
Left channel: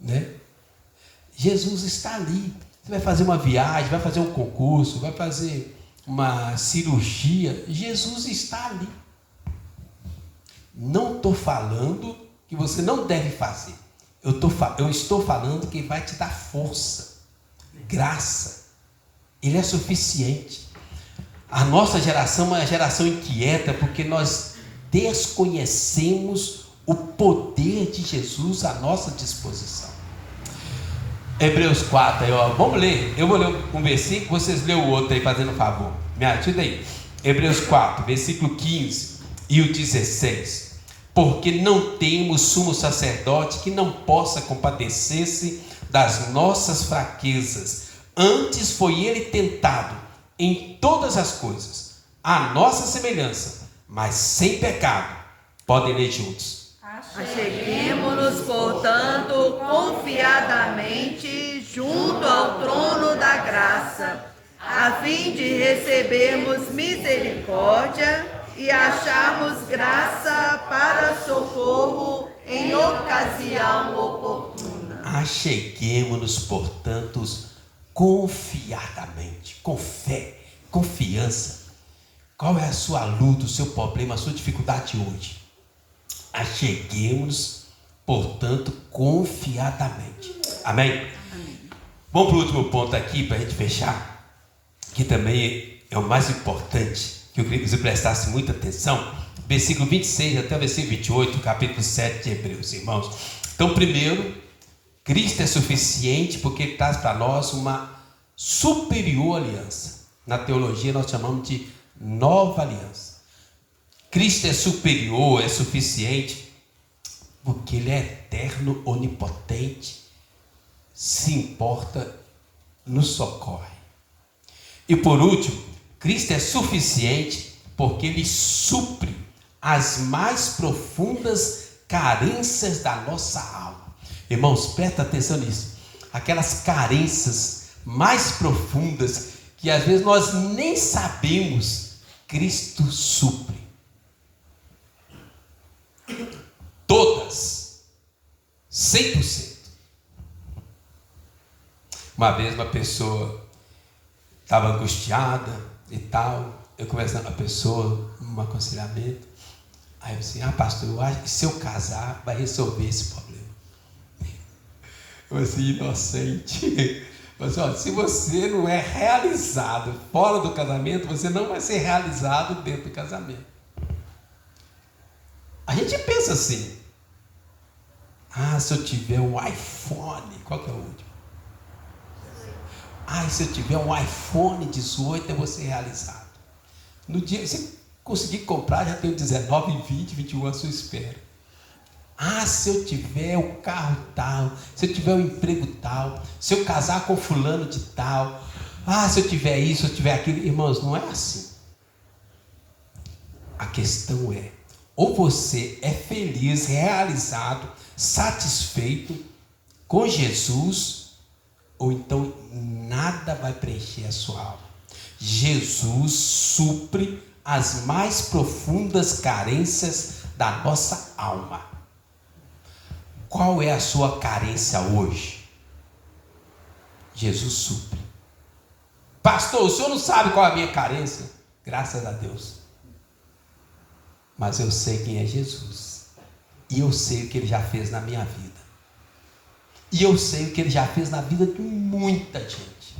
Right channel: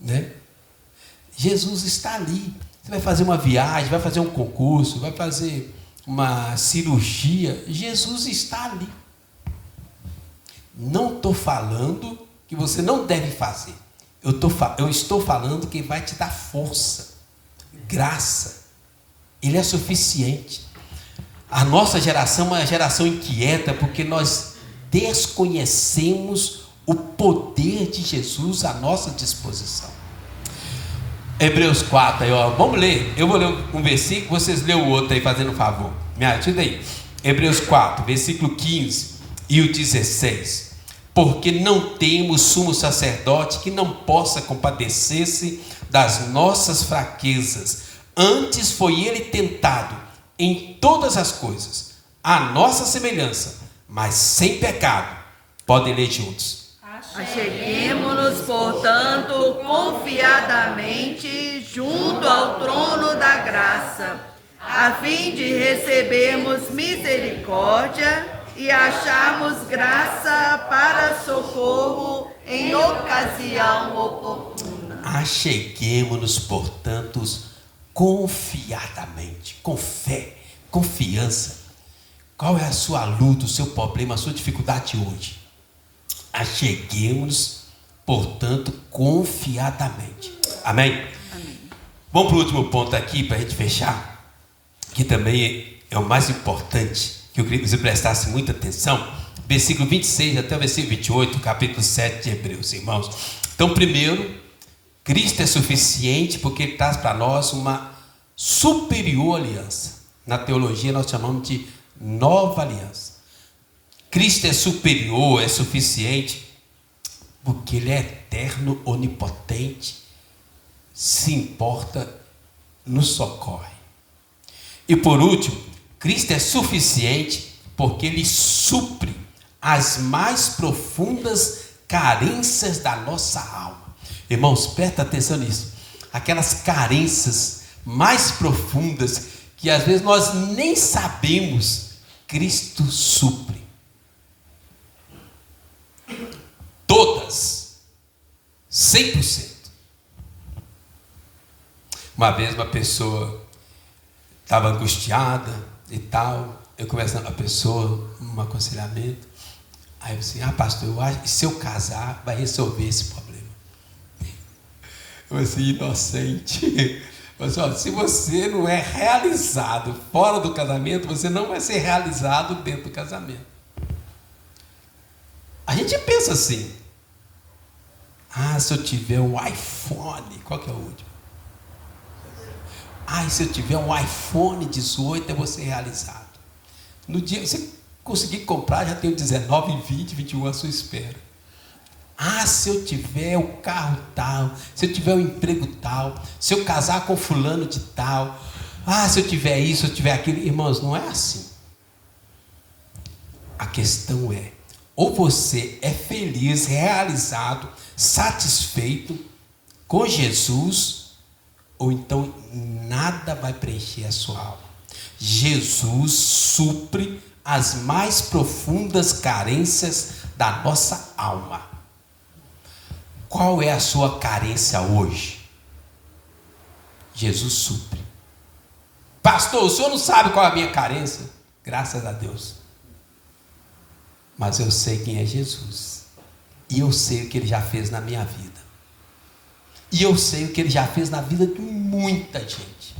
Né? Jesus está ali. Você vai fazer uma viagem, vai fazer um concurso, vai fazer uma cirurgia. Jesus está ali. Não estou falando que você não deve fazer. Eu estou falando que Ele vai te dar força, graça. Ele é suficiente. A nossa geração é uma geração inquieta porque nós desconhecemos o poder de Jesus à nossa disposição. Hebreus 4, aí, ó, vamos ler. Eu vou ler um versículo, vocês lêem o outro aí, fazendo um favor. Me ajuda aí. Hebreus 4, versículo 15 e o 16. Porque não temos sumo sacerdote que não possa compadecer-se das nossas fraquezas. Antes foi ele tentado em todas as coisas, a nossa semelhança, mas sem pecado. Podem ler juntos. Acheguemo-nos, portanto, confiadamente junto ao trono da graça, a fim de recebermos misericórdia e acharmos graça para socorro em ocasião oportuna. Acheguemo-nos, portanto, confiadamente, com fé, confiança. Qual é a sua luta, o seu problema, a sua dificuldade hoje? Acheguemos, portanto, confiadamente. Amém? Amém. Vamos para o último ponto aqui, para a gente fechar, que também é o mais importante, que eu queria que você prestasse muita atenção. Versículo 26 até o versículo 28, capítulo 7 de Hebreus, irmãos. Então, primeiro, Cristo é suficiente porque Ele traz para nós uma superior aliança. Na teologia nós chamamos de nova aliança. Cristo é superior, é suficiente, porque Ele é eterno, onipotente, se importa, nos socorre. E por último, Cristo é suficiente porque Ele supre as mais profundas carências da nossa alma. Irmãos, presta atenção nisso. Aquelas carências mais profundas que às vezes nós nem sabemos, Cristo supre. Todas. 100%. Uma vez uma pessoa estava angustiada e tal, eu conversando com a pessoa, um aconselhamento, aí eu disse, pastor, eu acho que se eu casar, vai resolver esse problema. Eu assim, inocente. Eu disse, se você não é realizado fora do casamento, você não vai ser realizado dentro do casamento. A gente pensa assim, se eu tiver um iPhone, qual que é o último? Se eu tiver um iPhone 18, eu vou ser realizado. No dia que você conseguir comprar, já tem o 19, 20, 21 à sua espera. Se eu tiver o carro tal, se eu tiver o emprego tal, se eu casar com fulano de tal, se eu tiver isso, se eu tiver aquilo. Irmãos, não é assim. A questão é, ou você é feliz, realizado, satisfeito com Jesus, ou então nada vai preencher a sua alma. Jesus supre as mais profundas carências da nossa alma. Qual é a sua carência hoje? Jesus supre. Pastor, o senhor não sabe qual é a minha carência? Graças a Deus. Mas eu sei quem é Jesus. E eu sei o que Ele já fez na minha vida. E eu sei o que Ele já fez na vida de muita gente.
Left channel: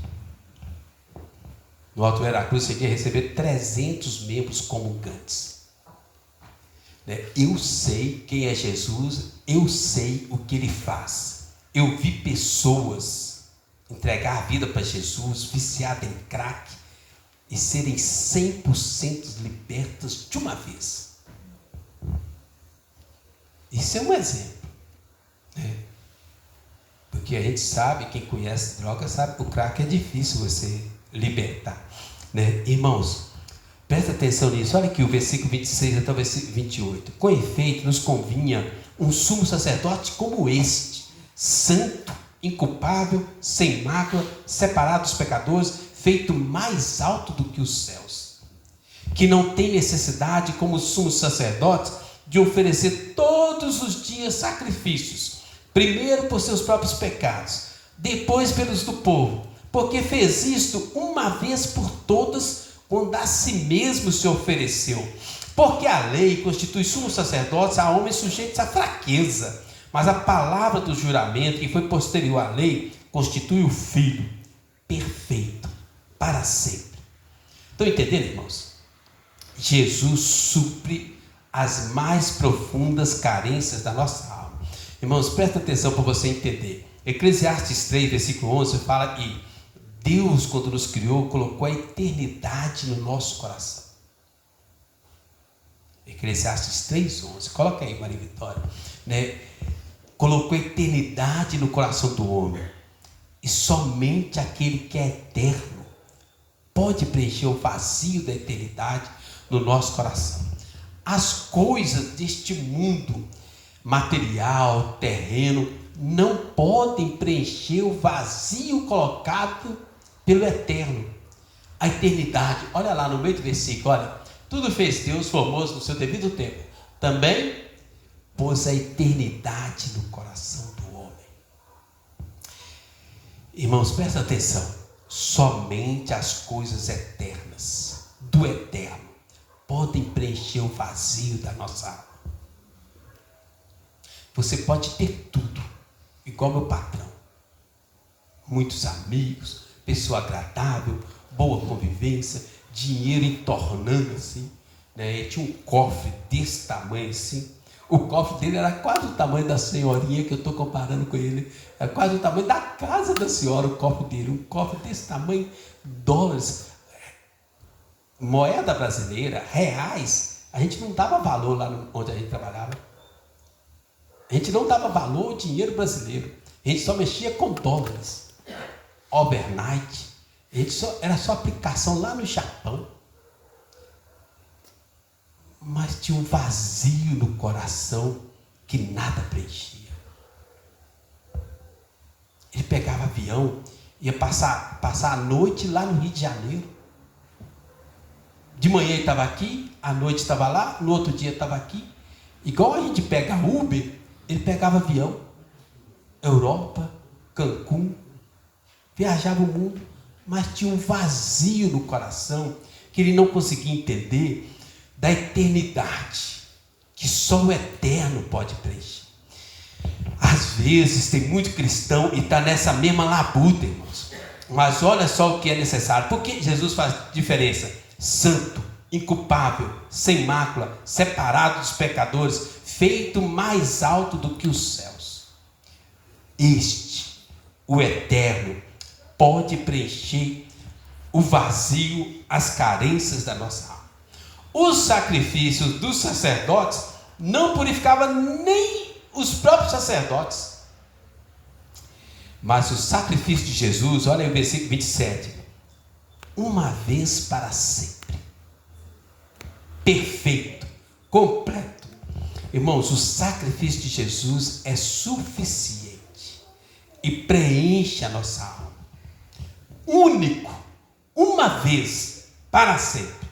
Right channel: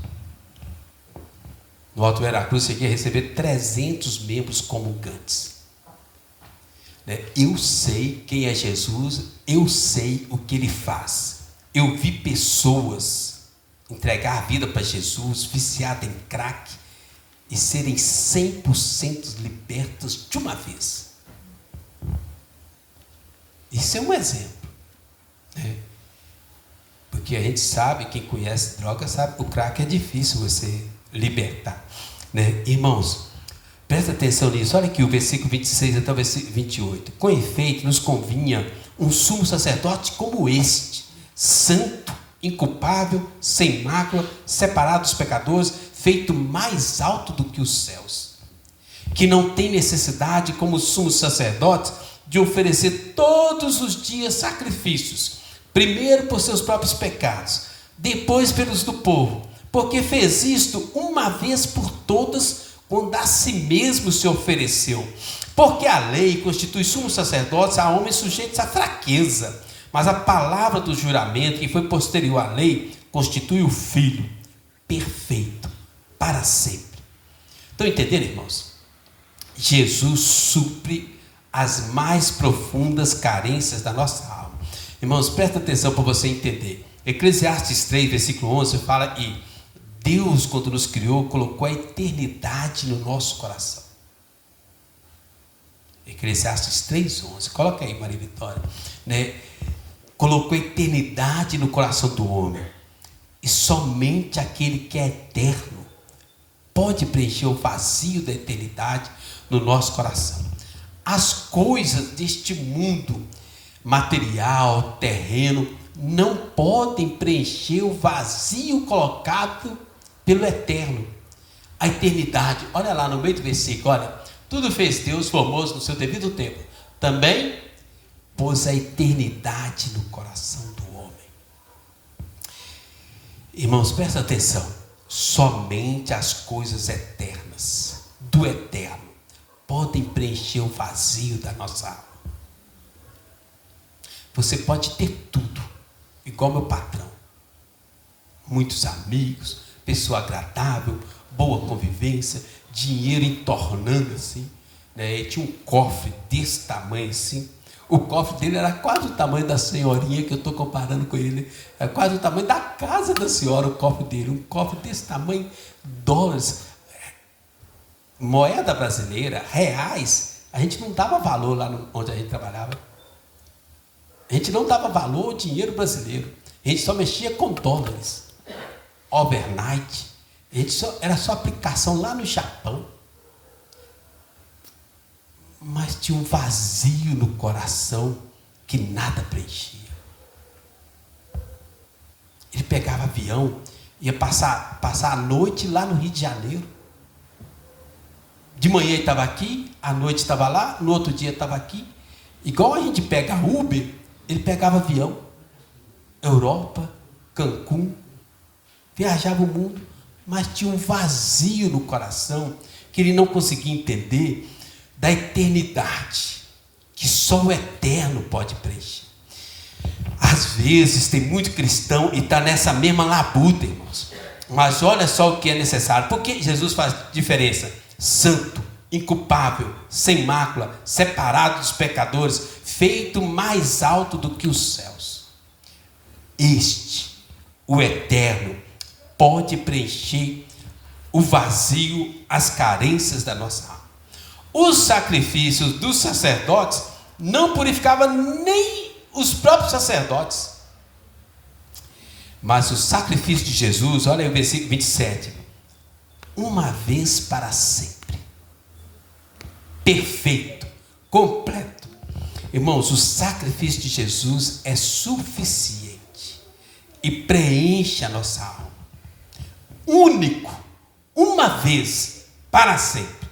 No Alto Veracruz, eu cheguei a receber 300 membros comungantes. Eu sei quem é Jesus, eu sei o que Ele faz. Eu vi pessoas entregar a vida para Jesus, viciadas em crack, e serem 100% libertas de uma vez. Isso é um exemplo. Porque a gente sabe, quem conhece droga sabe que o crack é difícil você libertar. Irmãos, presta atenção nisso. Olha aqui o versículo 26 até o versículo 28. Com efeito, nos convinha um sumo sacerdote como este, santo, inculpável, sem mácula, separado dos pecadores, feito mais alto do que os céus, que não tem necessidade, como os sumos sacerdotes, de oferecer todos os dias sacrifícios, primeiro por seus próprios pecados, depois pelos do povo, porque fez isto uma vez por todas, quando a si mesmo se ofereceu. Porque a lei constitui sumos sacerdotes a homens sujeitos à fraqueza, mas a palavra do juramento, que foi posterior à lei, constitui o Filho perfeito para sempre. Estão entendendo, irmãos? Jesus supre as mais profundas carências da nossa alma. Irmãos, presta atenção para você entender. Eclesiastes 3, versículo 11, fala que Deus, quando nos criou, colocou a eternidade no nosso coração. Eclesiastes 3:11, coloca aí, Maria Vitória, colocou a eternidade no coração do homem, e somente aquele que é eterno pode preencher o vazio da eternidade no nosso coração. As coisas deste mundo material, terreno, não podem preencher o vazio colocado pelo eterno, a eternidade. Olha lá no meio do versículo, olha, tudo fez Deus formoso no seu devido tempo, também pôs a eternidade no coração do homem. Irmãos, presta atenção, somente as coisas eternas, do eterno, podem preencher o vazio da nossa alma. Você pode ter tudo, igual meu patrão, muitos amigos, pessoa agradável, boa convivência, dinheiro entornando assim, Ele tinha um cofre desse tamanho assim, O cofre dele era quase o tamanho da senhorinha que eu estou comparando com ele. É quase o tamanho da casa da senhora, o cofre dele. Um cofre desse tamanho, dólares, moeda brasileira, reais. A gente não dava valor lá onde a gente trabalhava. A gente não dava valor ao dinheiro brasileiro. A gente só mexia com dólares. Overnight. Era só aplicação lá no Japão. Mas tinha um vazio no coração que nada preenchia. Ele pegava avião, ia passar a noite lá no Rio de Janeiro. De manhã ele estava aqui, à noite estava lá, no outro dia estava aqui. Igual a gente pega Uber, ele pegava avião. Europa, Cancún, viajava o mundo, mas tinha um vazio no coração que ele não conseguia entender da eternidade, que só o eterno pode preencher. Às vezes tem muito cristão e está nessa mesma labuta, irmãos. Mas olha só o que é necessário. Porque Jesus faz diferença. Santo, inculpável, sem mácula, separado dos pecadores, feito mais alto do que os céus. Este, o eterno, pode preencher o vazio, as carências da nossa alma. Os sacrifícios dos sacerdotes não purificavam nem os próprios sacerdotes. Mas o sacrifício de Jesus, olha aí o versículo 27, uma vez para sempre, perfeito, completo. Irmãos, o sacrifício de Jesus é suficiente e preenche a nossa alma. Único, uma vez para sempre,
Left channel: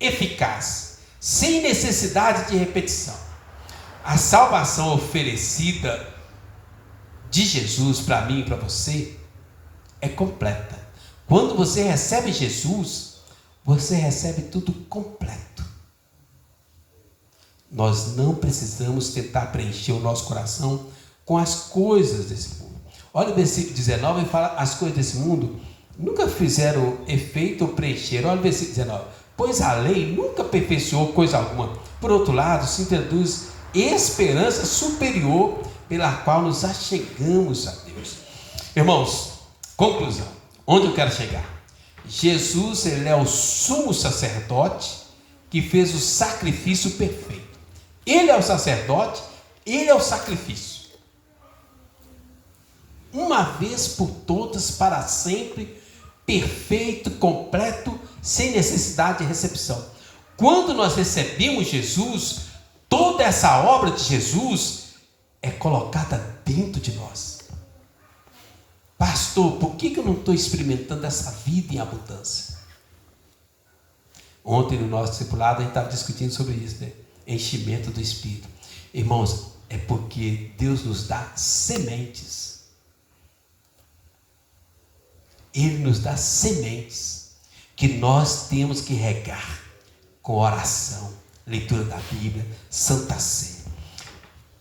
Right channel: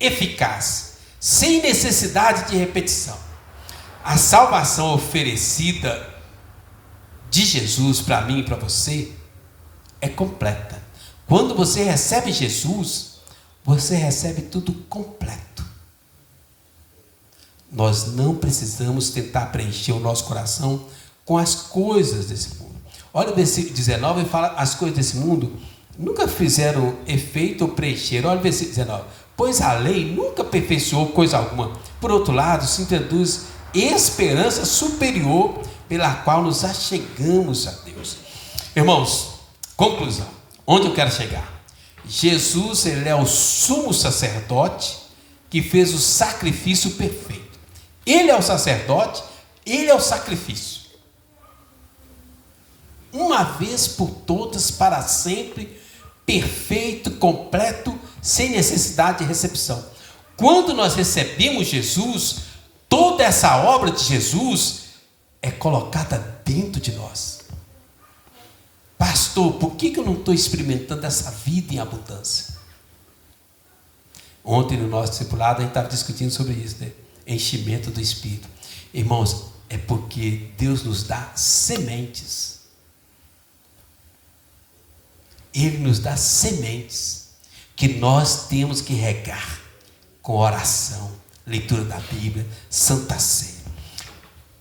eficaz, sem necessidade de repetição. A salvação oferecida de Jesus para mim e para você é completa. Quando você recebe Jesus, você recebe tudo completo. Nós não precisamos tentar preencher o nosso coração com as coisas desse mundo. Olha o versículo 19, ele fala: as coisas desse mundo nunca fizeram efeito ou preencher. Olha o versículo 19. Pois a lei nunca aperfeiçoou coisa alguma. Por outro lado, se introduz esperança superior pela qual nos achegamos a Deus. Irmãos, conclusão. Onde eu quero chegar? Jesus, ele é o sumo sacerdote que fez o sacrifício perfeito. Ele é o sacerdote, ele é o sacrifício. Uma vez por todas, para sempre, perfeito, completo, sem necessidade de recepção. Quando nós recebemos Jesus, toda essa obra de Jesus é colocada dentro de nós. Pastor, por que eu não estou experimentando essa vida em abundância? Ontem no nosso discipulado a gente estava discutindo sobre isso, né? Enchimento do Espírito. Irmãos, é porque Deus nos dá sementes. Ele nos dá sementes que nós temos que regar com oração, leitura da Bíblia, Santa Ceia.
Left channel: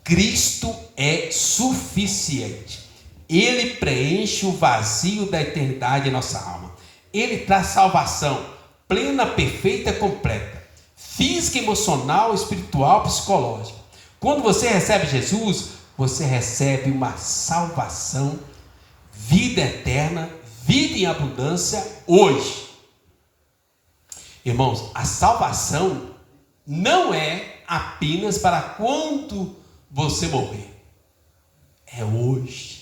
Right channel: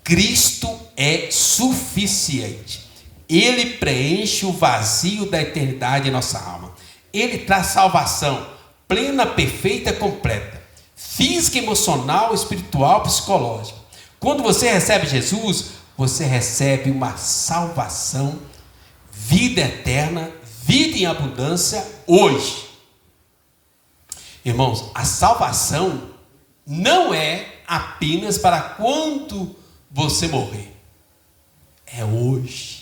Cristo é suficiente. Ele preenche o vazio da eternidade em nossa alma. Ele traz salvação plena, perfeita, completa, física, emocional, espiritual, psicológica. Quando você recebe Jesus, você recebe uma salvação, vida eterna, vida em abundância hoje. Irmãos, a salvação não é apenas para quando você morrer. É hoje.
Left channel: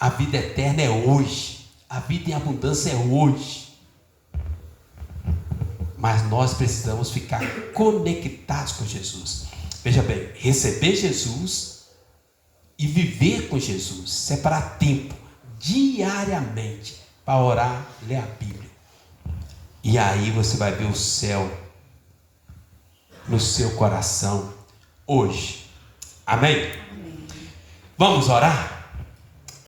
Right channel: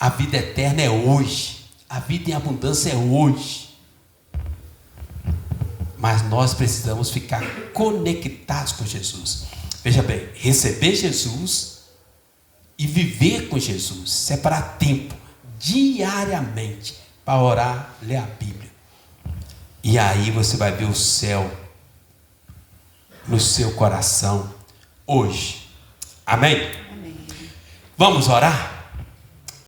A vida eterna é hoje. A vida em abundância é hoje. Mas nós precisamos ficar conectados com Jesus. Veja bem, receber Jesus e viver com Jesus. Separar tempo diariamente para orar, ler a Bíblia. E aí você vai ver o céu no seu coração hoje. Amém? Amém. Vamos orar?